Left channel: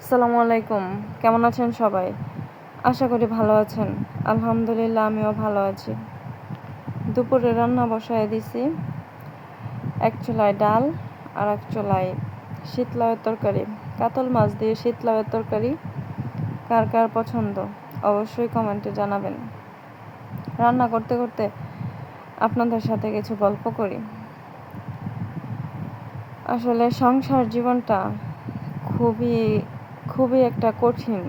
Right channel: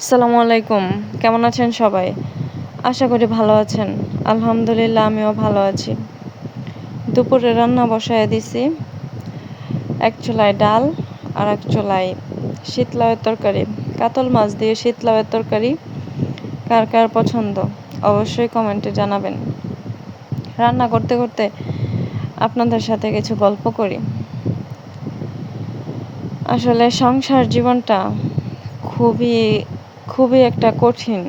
আসসালামু আলাইকুম। কেমন আছেন সবাই? আশা করি ভালো আছেন। আলহামদুলিল্লাহ আমিও ভালো আছি। দুপুরে রান্না বসায় দিছি। এক চুলায় ডাল আর এক চুলায় শীতলাউয়ের তরকারি। কাতল মাছ দিয়ে শীতলাউয়ের তরকারি কার কার পছন্দ অবশ্যই কমেন্টে জানাবেন। রান্না করতে করতে আপনাদের সাথে কিছু গল্প করি। আসলে সংসার জীবনটা খুবই খুবই একটা কঠিন।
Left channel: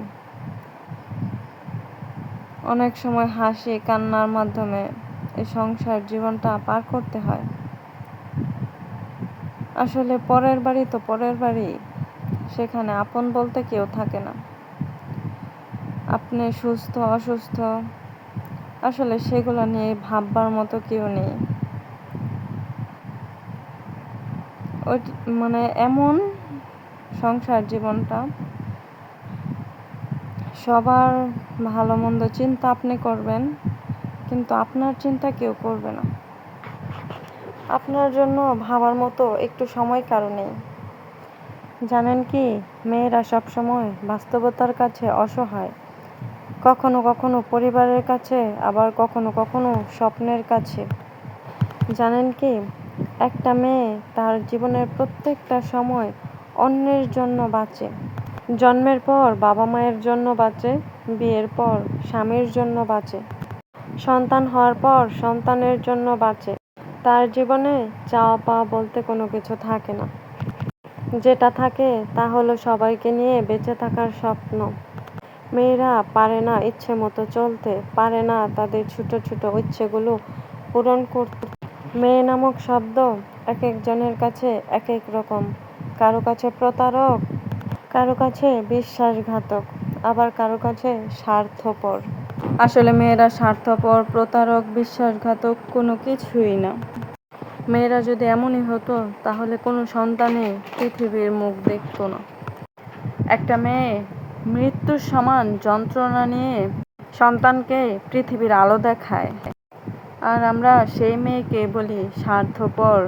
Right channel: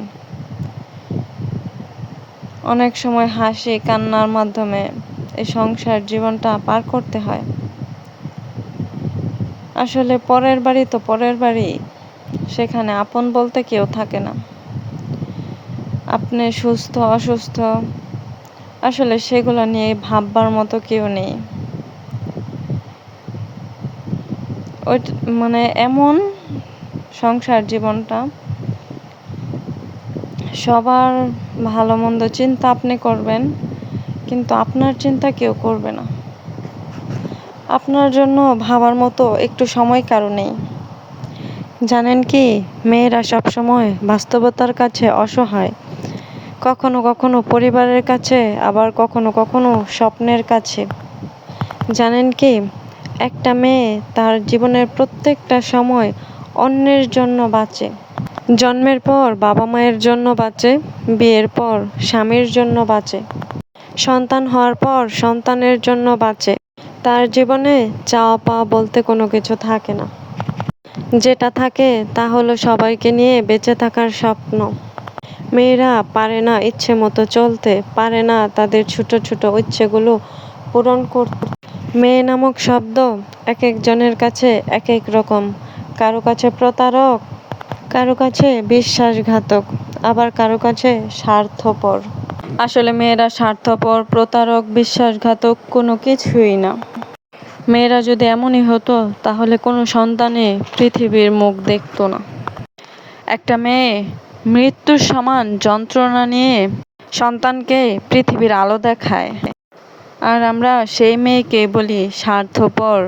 অনেক সময় হাসি কান্নার মাধ্যমে এই সংসার জীবনটা পার করতে হয়। আসলে পরের বাড়ি তো পরের বাড়ি, সেখানে আপন বলতে কেউ থাকে না। আপনি সুস্থ অসুস্থ আসলে সেগুলো নিয়ে ভাববার মতো কেউ নেই। ওই মানে এমন সংসার জীবনটা, সবার ভালো মন্দ চিন্তা আপনি করবেন, কিন্তু আপনার চিন্তা কেউ করবে না। আপনার জন্য ভাবার মতো একটু সময় কারো নেই। জানেন কি, মেয়েরা সবসময় বাস্তবতার কাছে অসহায়। কখনো কখনো পরিবারের কাছে, আবার কখনো কখনো স্বপ্নের কাছে। জানেন কি, একটা মেয়ে তার জীবনের প্রত্যেকটা সময় অন্যের জন্য বাঁচে। জন্মের পর বাবা মায়ের জন্য বাঁচে, বিয়ের পর স্বামীর জন্য বাঁচে, সন্তান হওয়ার পর সন্তানের জন্য বাঁচে। তার জীবনে চাওয়া পাওয়া বলতে কোনো কিছু থাকে না। যেটা থাকে তা হলো সবাইকে নিয়ে বেঁচে থাকার স্বপ্ন। মেয়েরা পারে না ইচ্ছে মতো চলতে, পারে না তাদের ছোট ছোট ইচ্ছেগুলো পূরণ করতে। মেয়ে নামক শব্দ এক একজনের কাছে এক এক রকম। কারো কাছে প্রতারক, কারো কাছে বিশ্বাসঘাতক, আবার কারো কাছে স্বার্থপর। আসলে মেয়েরা স্বার্থপর, প্রতারক, বিশ্বাসঘাতক কোনো কিছুই না। মেয়েরা যদি এমনই হতো তাহলে কোনো সন্তানে পৃথিবীর মুখ দেখতো না। একটা মেয়ে মৃত্যুর সমান যন্ত্রণা নিয়ে সন্তানকে পৃথিবীর আলো দেখায়, আর আমরা সেই মেয়েকে বলি স্বার্থপর,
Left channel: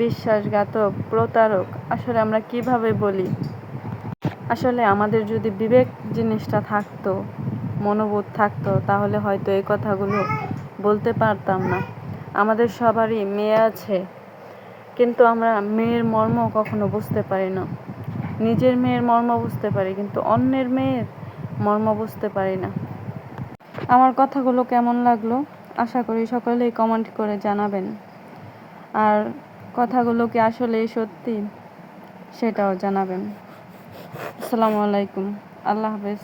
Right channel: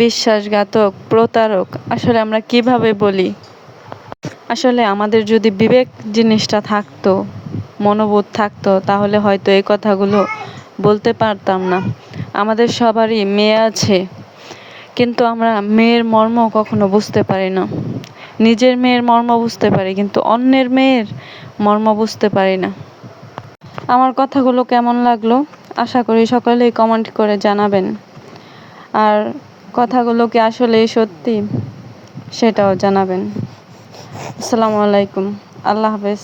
বিশ্বাসঘাতক, প্রতারক। আসলে আমরা কিভাবে বলি? আসলে আমাদের যদি বিবেক জিনিসটা থাকতো, মনোবোধ থাকতো, তাহলে হয়তো এই কথাগুলো বলতে পারতাম না। আমাদের সবারই মেয়ে আছে, কিন্তু আমরা মেয়ের মর্ম কখনো বুঝতে পারি না। নিজের মেয়ের মর্ম বুঝতে পারি, কিন্তু অন্যের মেয়ের মর্ম বুঝতে পারি না। আমার কথাগুলো কেমন লাগলো আশা করি সকলেই কমেন্ট করে জানাবেন। আর কথাগুলো কি আসলেই সত্যি সেটাও জানাবেন। আসসালামু আলাইকুম। আল্লাহ হাফেজ।